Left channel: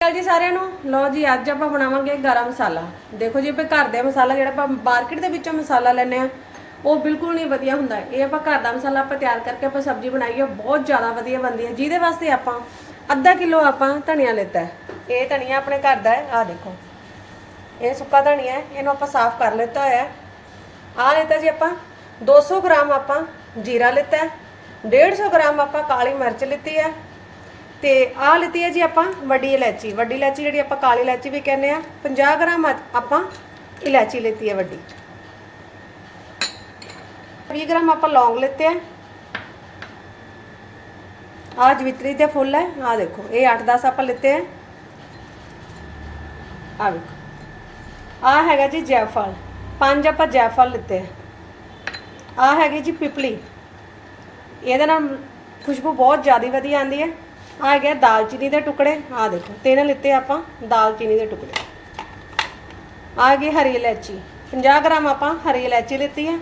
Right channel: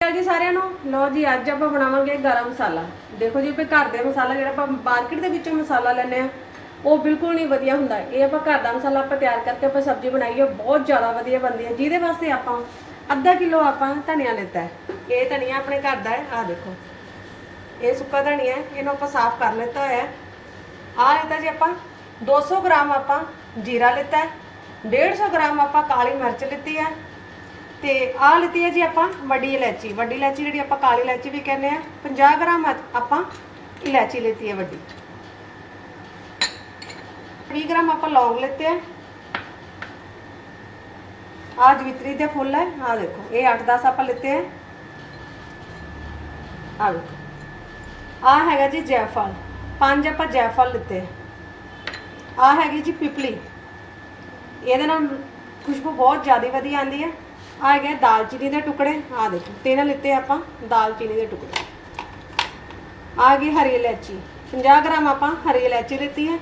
ਚਲ ਜੀ ਸਾਰਿਆਂ ਨੂੰ। ਲਓ ਜੀ, ਅੱਜ ਆਪਾਂ ਬਣਾਵਾਂਗੇ ਗਰਮ ਮਸਾਲਾ। ਦੇਖੋ ਜੀ, ਆਪਾਂ ਘਰ ਦਾ ਮਸਾਲਾ ਜਿਹੜਾ ਆਪਾਂ ਮਾਰਕੀਟ ਦੇ ਵਿੱਚੋਂ ਮਸਾਲਾ ਲੈਨੇ ਆ ਉਹ ਬਿਲਕੁਲ ਨਹੀਂ ਵਧੀਆ ਹੁੰਦਾ। ਇਹ ਆਪਾਂ ਘਰ ਦਾ ਮਸਾਲਾ ਆਪਾਂ ਤਿਆਰ ਕਰਕੇ ਆਪਾਂ ਸਬਜ਼ੀ ਬਣਾਈਏ ਬਹੁਤ ਜ਼ਿਆਦਾ ਵਧੀਆ ਬਣਦੀ ਹੈ ਜਿਹਦੇ ਵਾਸਤੇ ਆਪਾਂ ਅੱਧਾ ਕਿਲੋ ਆਪਾਂ ਧਨੀਆ ਲਿੱਤਾ ਇਹ ਧਨੀਆ ਆਪਣੇ ਘਰ ਦਾ ਹੈ, ਆਹ ਦੇਖੋ। ਇਹ ਸੁੱਕਾ ਧਨੀਆ ਹੈ, ਇਹਨੂੰ ਆਪਾਂ ਸਾਫ਼ ਕਰ ਲਿੱਤਾ ਹੋਇਆ ਹੈ। ਆਹ ਲਿੱਤਾ ਜੀ ਆਪਾਂ 200 ਗ੍ਰਾਮ ਆਪਾਂ ਜੀਰਾ ਲਿੱਤਾ ਹੈ। 150 ਗ੍ਰਾਮ ਆਪਾਂ ਕਾਲੀ ਮਿਰਚ ਲਿੱਤੀ ਹੈ। ਤੇ ਆਹ ਲਿੱਤੀ ਹੈ ਜੀ ਆਪਾਂ ਵੱਡੀ ਇਲਾਇਚੀ। ਵੱਡੀ ਇਲਾਇਚੀ ਜਿਹੜੀ ਆਪਾਂ ਕਾਲੀ ਇਲਾਇਚੀ ਵੀ ਕਹਿੰਦੇ ਆ 50 ਗ੍ਰਾਮ ਆਪਾਂ ਇਲਾਇਚੀ ਲਿੱਤੀ ਹੈ ਵੱਡੀ। 20 ਗ੍ਰਾਮ ਆਪਾਂ ਲੌਂਗ ਲਿੱਤੇ ਆ ਆਹ ਜਵਿਤਰੀ ਦੇ ਫੁੱਲ ਹੈ, ਆਹ ਦੇਖੋ, ਇਹ 8-10 ਆਪਾਂ ਲਿੱਤੇ ਆ ਆਹ ਵੇਖੋ। ਆਹ ਹੈਗਾ ਜੀ ਜੈਫਲ, ਪੰਜ ਆਪਾਂ ਜੈਫਲ ਲਿੱਤੇ ਆ ਆਹ ਹੈਗੀ ਜੀ ਪਿਪਲੀ। ਇਹਦੇ ਨਾਲ ਖੁਸ਼ਬੂ ਬਹੁਤ ਜ਼ਿਆਦਾ ਵਧੀਆ ਆਉਂਦੀ ਹੈ। ਆ ਹੈਗਾ ਦਾਲਚੀਨੀ ਦੇ ਟੁਕੜੇ, ਆ ਦੇਖੋ, ਤਿੰਨ ਲਿੱਤੇ ਆਪਾਂ ਦਾਲਚੀਨੀ ਦੇ ਟੁਕੜੇ। ਆ ਗਈ ਹਰੀ ਇਲਾਇਚੀ 50 ਗ੍ਰਾਮ ਆਪਾਂ ਹਰੀ ਇਲਾਇਚੀ ਲਿੱਤੀ ਹੈ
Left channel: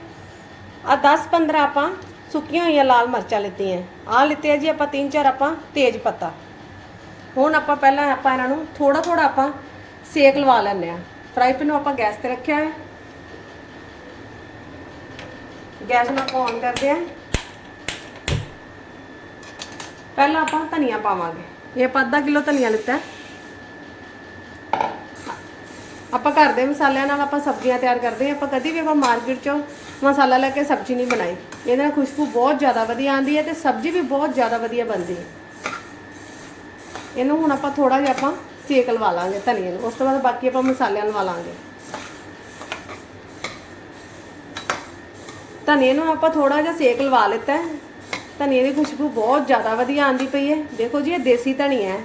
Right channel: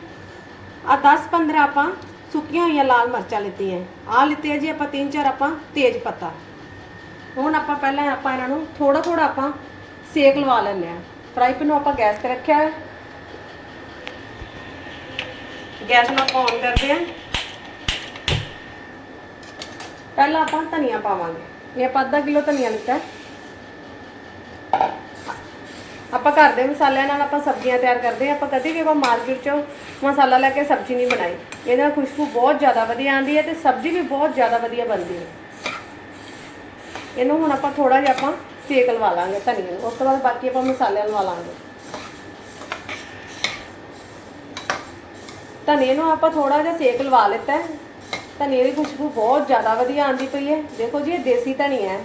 ਆ 10 15 ਆਪਾਂ ਸੁੱਕੀਆਂ ਹੋਈਆਂ ਲਾਲ ਮਿਰਚਾਂ ਲਿੱਤੀਆਂ। ਆ ਲਿੱਤੇ ਜੀ ਆਪਾਂ ਤਿੰਨ ਚਾਰ ਆਪਾਂ ਤੇਜ ਪੱਤਾ। ਹੁਣ ਆਪਾਂ ਪਹਿਲਾਂ ਆਪਾਂ ਇਹਨਾਂ ਨੂੰ ਥੋੜਾ ਥੋੜਾ ਆਪਾਂ ਸੇਕ ਲਵਾ ਲੈਂਦੇ ਆ ਫਰਾਈ ਪੈਨ ਨੂੰ ਆਪਾਂ ਗੈਸ ਤੇ ਰੱਖਿਆ ਹੈ ਗੈਸ ਨੂੰ ਆਪਾਂ ਔਨ ਕਰਦੇ ਆ ਪਹਿਲਾਂ ਆਪਾਂ ਧਨੀਆ ਪਾਵਾਂਗੇ। ਇਹ ਆਪਾਂ ਅੱਧਾ ਕਿਲੋ ਧਨੀਆ ਲਿੱਤਾ ਆਪਾਂ ਘਰ ਦੇ ਮਸਾਲਿਆਂ ਨਾਲ ਆਪਾਂ ਸਬਜ਼ੀਆਂ ਤਿਆਰ ਕਰਦੇ ਹਾਂ। ਆਪਾਂ ਕਦੀ ਵੀ ਆਪਾਂ ਮਾਰਕੀਟ ਚੋਂ ਮਸਾਲਾ ਲੈ ਕੇ ਸਬਜ਼ੀ ਨਹੀਂ ਬਣਾਈ। ਇਹਦੇ ਨਾਲ ਖੁਸ਼ਬੂ ਬਹੁਤ ਜ਼ਿਆਦਾ ਵਧੀਆ ਆਉਂਦੀ ਹੈ ਤੇ ਸਬਜ਼ੀ ਵੀ ਬਹੁਤ ਜ਼ਿਆਦਾ ਵਧੀਆ ਬਣਦੀ ਹੈ। ਇਹਨੂੰ ਹੁਣ ਆਪਾਂ ਥੋੜਾ ਜਿਹਾ ਆਪਾਂ ਸੇਕ ਲਵਾ ਲਾਂਗੇ ਧਨੀਏ ਨੂੰ। ਉਸ ਤੋਂ ਬਾਅਦ ਬਾਕੀ ਆਪਾਂ ਮਸਾਲਿਆਂ ਲਵਾ ਲਾਂਗੇ ਧਨੀਏ ਨੂੰ ਆਪਾਂ ਥੋੜਾ ਜਿਹਾ ਸੇਕ ਲਵਾ ਲਿੱਤਾ ਧਨੀਏ ਦੀ ਖੁਸ਼ਬੂ ਬਹੁਤ ਜ਼ਿਆਦਾ ਵਧੀਆ ਆਉਂਦੀ ਪਈ ਹੈ। ਦੇਖੋ ਜੀ, ਇਹ ਦੇਸੀ ਧਨੀਆ ਹੈ।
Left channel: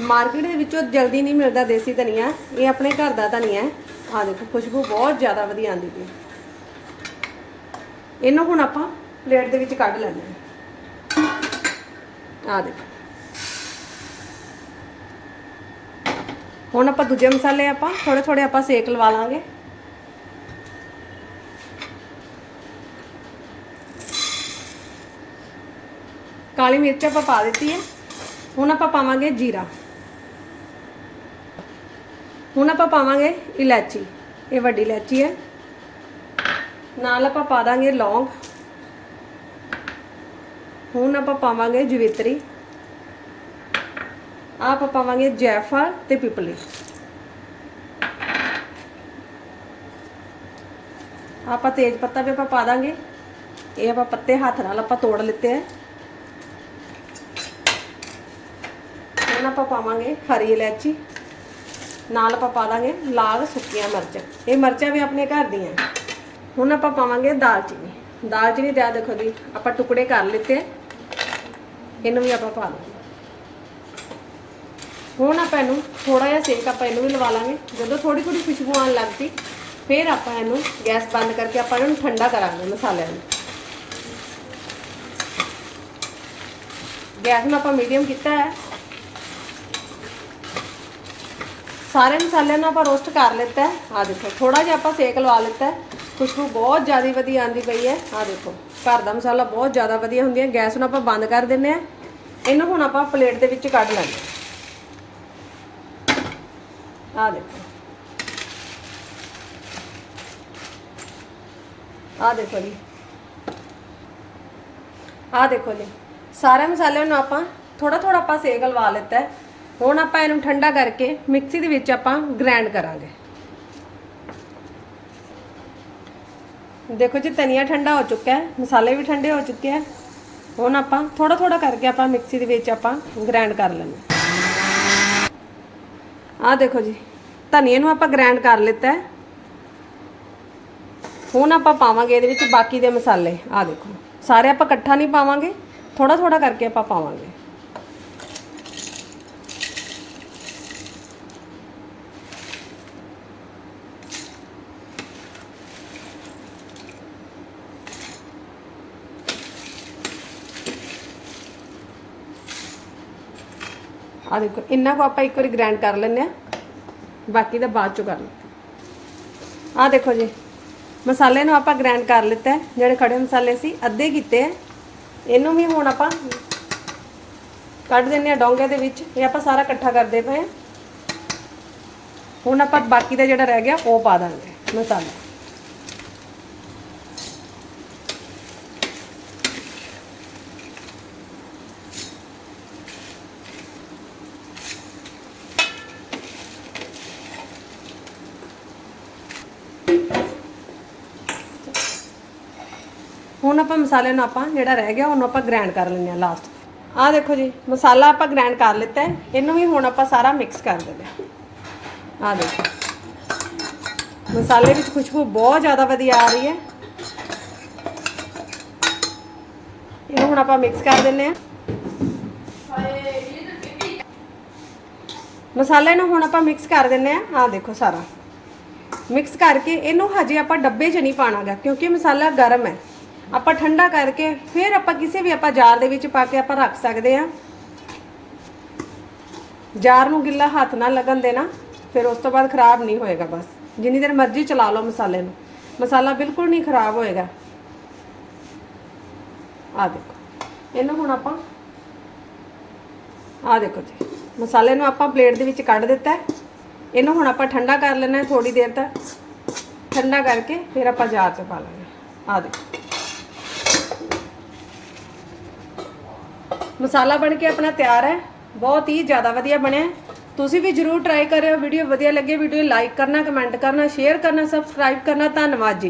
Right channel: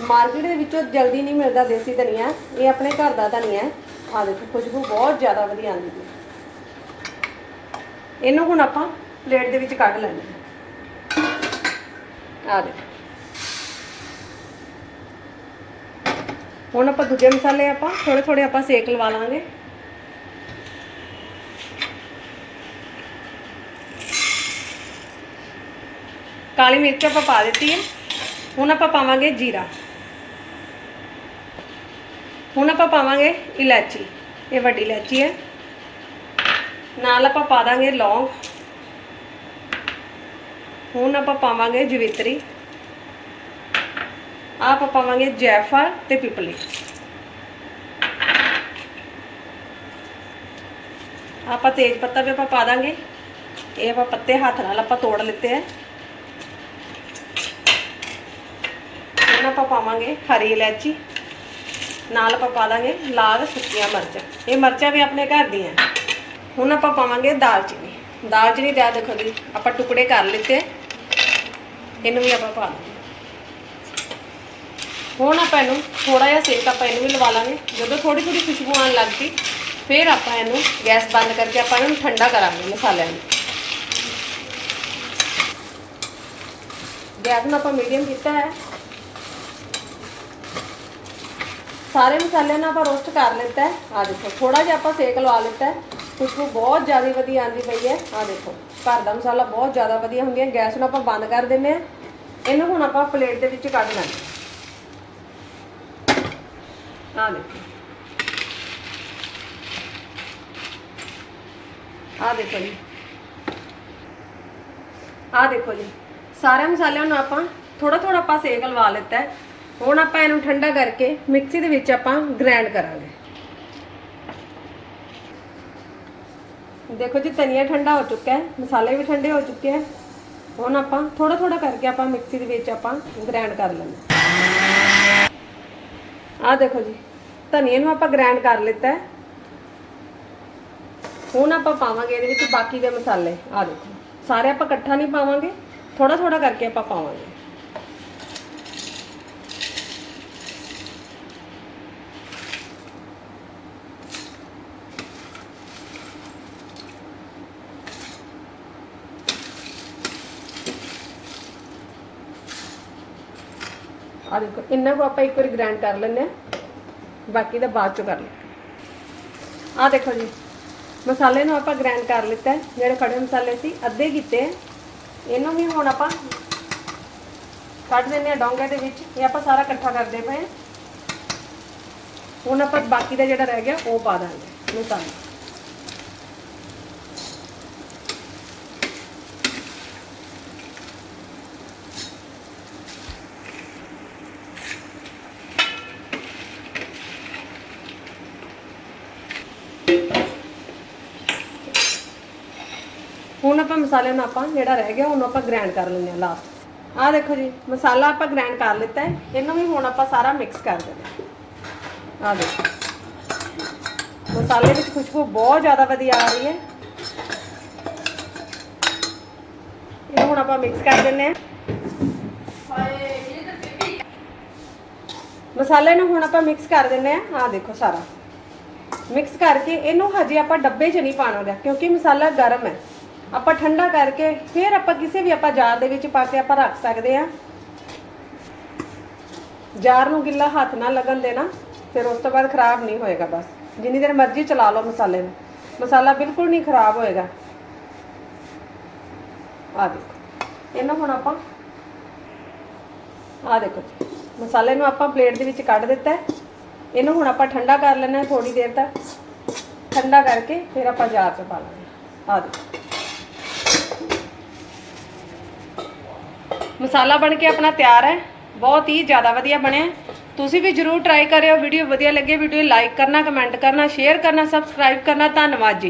ਮਾਰਕੀਟ ਦੇ ਵਿੱਚੋਂ ਜਲਦੀ ਨਹੀਂ ਮਿਲਦਾ ਦੇਸੀ ਧਨੀਆ। ਇਹ ਆਪਣੇ ਘਰ ਦਾ ਧਨੀਆ ਹੈ। ਆਹ ਦੇਖੋ, ਖੁਸ਼ਬੂ ਬਹੁਤ ਜ਼ਿਆਦਾ ਵਧੀਆ ਆਉਂਦੀ ਪਈ ਇਹਨੂੰ ਹੁਣ ਆਪਾਂ ਪਲੇਟ ਦੇ ਵਿੱਚ ਕੱਢ ਲੈਂਦੇ ਹਾਂ। ਆ ਦੇਖੋ। ਹੁਣ ਆਪਾਂ ਦੂਜੇ ਮਸਾਲੇ ਆਪਾਂ ਥੋੜੇ ਥੋੜੇ ਆਪਾਂ ਸੇਕ ਲਵਾ ਲਾਂਗੇ। ਕਾਲੀ ਮਿਰਚ ਆਪਾਂ ਪਾ ਦਿੱਤੀ ਹੈ। ਹੁਣ ਆਪਾਂ ਪਾਵਾਂਗੇ ਜੀਰਾ। ਹੁਣ ਆਪਾਂ ਪਾਵਾਂਗੇ ਇਲਾਚੀ ਇਹ ਵੱਡੀ ਇਲਾਚੀ ਹੈ। ਨਾਲ ਆਪਾਂ ਪਾ ਦਾਂਗੇ ਲੌਂਗ। ਹੁਣ ਆਪਾਂ ਪਾਵਾਂਗੇ ਜਵਿਤਰੀ। ਆਹ ਆਪਾਂ ਪਾਵਾਂਗੇ ਜੈਫਲ ਤੇ ਪਿਪਲੀ। ਆਪਾਂ ਤੇਜ ਪੱਤਾ ਵੀ ਆਪਾਂ ਪਾ ਦਾਂਗੇ। ਇਹ ਆਪਾਂ ਪੱਤੇ ਹੱਥ ਨਾਲ ਆਪਾਂ ਤੋੜ ਲਿੱਤੇ ਆ ਹੁਣ ਆਪਾਂ ਪਾਵਾਂਗੇ ਹਰੀ ਇਲਾਇਚੀ। ਨਾਲ ਆਪਾਂ ਪਾ ਦਾਂਗੇ ਲਾਲ ਸੁੱਕੀਆਂ ਮਿਰਚਾਂ। ਇਹ ਮਿਰਚਾਂ ਵੀ ਆਪਣੇ ਘਰ ਦੀਆਂ। ਹੁਣ ਆਪਾਂ ਪਾਵਾਂਗੇ ਦਾਲਚੀਨੀ। ਦਾਲਚੀਨੀ ਦਾ ਦੇਖੋ ਜੀ, ਆਪਾਂ ਟੁਕੜੇ ਕਰ ਲਿੱਤੇ। ਇਹਨੂੰ ਵੀ ਆਪਾਂ ਪਾ ਦਾਂਗੇ। ਹੁਣ ਆਪਾਂ ਇਹਨੂੰ ਥੋੜਾ ਜਿਹਾ ਸੇਕ ਆਪਾਂ ਇਹਨੂੰ ਵੀ ਲਵਾ ਲਾਂਗੇ। ਜਦੋਂ ਥੋੜੀ ਥੋੜੀ ਖੁਸ਼ਬੂ ਆਉਣ ਲੱਗ ਪਈ ਫਿਰ ਆਪਾਂ ਇਹਨੂੰ ਗੈਸ ਬੰਦ ਕਰਕੇ ਆਪਾਂ ਇਹਨੂੰ ਠੰਡਾ ਕਰਾਂਗੇ ਮਸਾਲਿਆਂ ਨੂੰ। ਗੈਸ ਨੂੰ ਆਪਾਂ ਮੀਡੀਅਮ ਕੀਤਾ ਹੈ। ਸਾਰੇ ਮਸਾਲਿਆਂ ਨੂੰ ਆਪਾਂ ਰੋਸਟ ਕਰ ਲਿੱਤਾ ਹੈ। ਆ ਦੇਖੋ ਥੋੜਾ ਜਿਹਾ ਆਪਾਂ ਸੇਕ ਲਵਾ ਲਿੱਤਾ ਹੈ। ਖੁਸ਼ਬੂ ਬਹੁਤ ਜ਼ਿਆਦਾ ਵਧੀਆ ਆਂਦੀ ਪਈ ਹੈ। ਆ ਦੇਖੋ, ਘਰ ਦਾ ਮਸਾਲਾ ਬਹੁਤ ਜ਼ਿਆਦਾ ਵਧੀਆ ਹੁੰਦੀ ਹੈ। ਗੈਸ ਨੂੰ ਆਪਾਂ ਬੰਦ ਕਰ ਦਿੰਨੇ ਆ ਇਹਨੂੰ ਹੁਣ ਆਪਾਂ ਪਲੇਟ ਦੇ ਵਿੱਚ ਕੱਢ ਲੈਣਾ ਆ ਦੇਖੋ। ਆ ਦੇਖੋ ਜੀ। ਆ ਦੇਖੋ ਜੀ। ਸਾਰੇ ਮਸਾਲਿਆਂ ਨੂੰ ਆਪਾਂ ਥੋੜਾ ਥੋੜਾ ਆਪਾਂ ਸੇਕ ਲਵਾ ਲਿੱਤਾ ਹੈ। ਹੁਣ ਆਪਾਂ ਇਹਨੂੰ ਠੰਡਾ ਕਰਕੇ ਮਿਕਸੀ ਦੇ ਵਿੱਚ ਆਪਾਂ ਗ੍ਰਾਈਂਡ ਕਰਾਂਗੇ। ਦੇਖੋ ਜੀ, ਧਨੀਆ ਠੰਡਾ ਹੋ ਚੁੱਕਾ ਹੈ, ਮਸਾਲੇ ਵੀ ਠੰਡੇ ਹੋ ਚੁੱਕੇ ਹੈ। ਹੁਣ ਆਪਾਂ ਥੋੜਾ ਥੋੜਾ ਕਰਕੇ ਆਪਾਂ ਮਿਕਸੀ ਦੇ ਵਿੱਚ ਆਪਾਂ ਗ੍ਰਾਈਂਡ ਕਰ ਲੈਂਦੇ ਆਹ ਦੇਖੋ ਜੀ, ਧਨੀਏ ਨੂੰ ਆਪਾਂ ਗ੍ਰਾਈਂਡ ਕਰ ਲਿੱਤਾ ਹੈ। ਹੁਣ ਆਪਾਂ ਪਾਵਾਂਗੇ ਇਹਦੇ ਵਿੱਚ ਬਾਕੀ ਦੇ ਮਸਾਲੇ। ਆਹ ਦੇਖੋ, ਸਾਰੇ ਆਪਾਂ ਇਕੱਠਾ ਨਹੀਂ ਪਾਵਾਂਗੇ ਥੋੜਾ ਥੋੜਾ ਕਰਕੇ ਆਪਾਂ ਪਾਵਾਂਗੇ। ਆ ਦੇਖੋ, ਇੰਨਾ ਕੋ ਆਪਾਂ ਇੱਕ ਵਾਰੀ ਗ੍ਰਾਈਂਡ ਕਰ ਲੈਂਦੇ ਆ ਬਾਕੀ ਦਾ ਬਾਅਦ ਚੋਂ ਕਰ ਲੈ ਆ ਦੇਖੋ ਜੀ, ਮਸਾਲੇ ਨੂੰ ਆਪਾਂ ਗ੍ਰਾਈਂਡ ਕਰ ਲਿੱਤਾ ਜਿਹੜੇ ਖੜੇ ਮਸਾਲੇ ਸੀ, ਅੱਧੇ ਕੀਤੇ ਆ ਇਹਨੂੰ ਵੀ ਹੁਣ ਆਪਾਂ ਕੱਢ ਦਿੰਨੇ ਆ ਡੋਂਗੇ ਦੇ ਵਿੱਚ। ਇਹ ਆਪਾਂ ਸਾਰਾ ਇਕੱਠਾ ਕਰਦੇ ਪਏ ਹੁਣ ਆਪਾਂ ਬਾਕੀ ਦਾ ਜਿਹੜਾ ਰਹਿ ਗਿਆ, ਉਹ ਪਾ ਦਾਂਗੇ ਮਸਾਲਾ। ਹੁਣ ਆਪਾਂ ਮਸਾਲੇ ਨੂੰ ਆਪਾਂ ਜਿਹੜਾ ਰਹਿ ਗਿਆ, ਉਹਨੂੰ ਆਪਾਂ ਗ੍ਰਾਈਂਡ ਕਰ ਲੈਂਦੇ ਆ ਲਾਸਟ ਆਹ ਦੇਖੋ ਜੀ, ਮਸਾਲਾ ਆਪਾਂ ਗ੍ਰਾਈਂਡ ਕਰ ਲਿੱਤਾ ਹੈ। ਇਹਨੂੰ ਵੀ ਹੁਣ ਆਪਾਂ ਸਾਰਾ ਮਿਕਸ ਕਰ ਦਿੰਦੇ ਆ ਆਹ ਦੇਖੋ। ਮਸਾਲੇ ਵਿੱਚ ਖੁਸ਼ਬੂ ਬਹੁਤ ਜ਼ਿਆਦਾ ਵਧੀਆ ਆ ਰਹੀ ਹੈ। ਇਹਨੂੰ ਹੁਣ ਆਪਾਂ ਮਿਕਸ ਕਰ ਦਿੰਦੇ ਆ ਮਸਾਲੇ ਨੂੰ ਹੁਣ ਆਪਾਂ ਮਿਕਸ ਕਰ ਦਿੰਦੇ ਆ ਆਹ ਦੇਖੋ ਸਾਰਾ। ਮਿਕਸ ਕਰਕੇ ਇਹਨੂੰ ਹਜੇ ਆਪਾਂ ਡੱਬੇ 'ਚ ਨਹੀਂ ਪਾਣਾਗਾ, ਕਿਉਂਕਿ ਮਸਾਲਾ ਗਰਮ ਹੈ। ਆਪਾਂ ਠੰਡਾ ਕਰਕੇ ਫਿਰ ਆਪਾਂ ਕਿਸੇ ਵੀ ਆਪਾਂ ਜਾਰ ਦੇ ਵਿੱਚ ਪਾ ਕੇ ਆਪਾਂ ਰੱਖ ਸਕਦੇ ਆ। ਜਾਰ ਨੂੰ ਗਿੱਲਾ ਹੱਥ ਨਾਲ ਲੱਗਣ ਦੇਣਾ, ਫਿਰ ਉਸ ਤੋਂ ਬਾਅਦ ਖਰਾਬ ਨਹੀਂ ਹੋਏਗਾ ਬਸ। ਜਿੰਨੀ ਦੇਰ ਮਰਜ਼ੀ ਚਲਾ ਲਓ ਮਸਾਲੇ ਨੂੰ। ਮਸਾਲਾ ਬਿਲਕੁਲ ਨਹੀਂ ਖਰਾਬ ਹੋਏਗਾ। ਆ ਦੇਖੋ, ਇਹਨੂੰ ਹੁਣ ਆਪਾਂ ਆ ਦੇਖੋ ਜੀ, ਮਸਾਲੇ ਨੂੰ ਆਪਾਂ ਪਲੇਟ ਦੇ ਵਿੱਚ ਕੱਢ ਦਿੱਤਾ ਹੈ। ਇਹਨੂੰ ਹੁਣ ਆਪਾਂ ਠੰਡਾ ਕਰ ਲੈਣਾ ਥੋੜੀ ਦੇਰ ਤੱਕ। ਠੰਡਾ ਕਰਕੇ ਫਿਰ ਆਪਾਂ ਜਾਰ 'ਚ ਪਾ ਲੈਣਾ ਆ ਦੇਖੋ। ਮਸਾਲਾ ਬਣ ਕੇ ਆਪਣਾ ਤਿਆਰ ਹੈ। ਬਹੁਤ ਹੀ ਜ਼ਿਆਦਾ ਵਧੀਆ ਬਣਿਆ। ਤੁਸੀਂ ਵੀ ਜਰੂਰ ਟਰਾਈ ਕਰਿਓ। ਵੀਡੀਓ ਵਧੀਆ ਲੱਗੇ, ਵੀਡੀਓ ਲਾਈਕ ਕਰਨਾ ਕਮੈਂਟ ਕਰਨਾ ਸ਼ੇਅਰ ਕਰਨਾ ਸਬਸਕ੍ਰਾਈਬ ਕਰਨਾ। ਧੰਨਵਾਦ ਜੀ।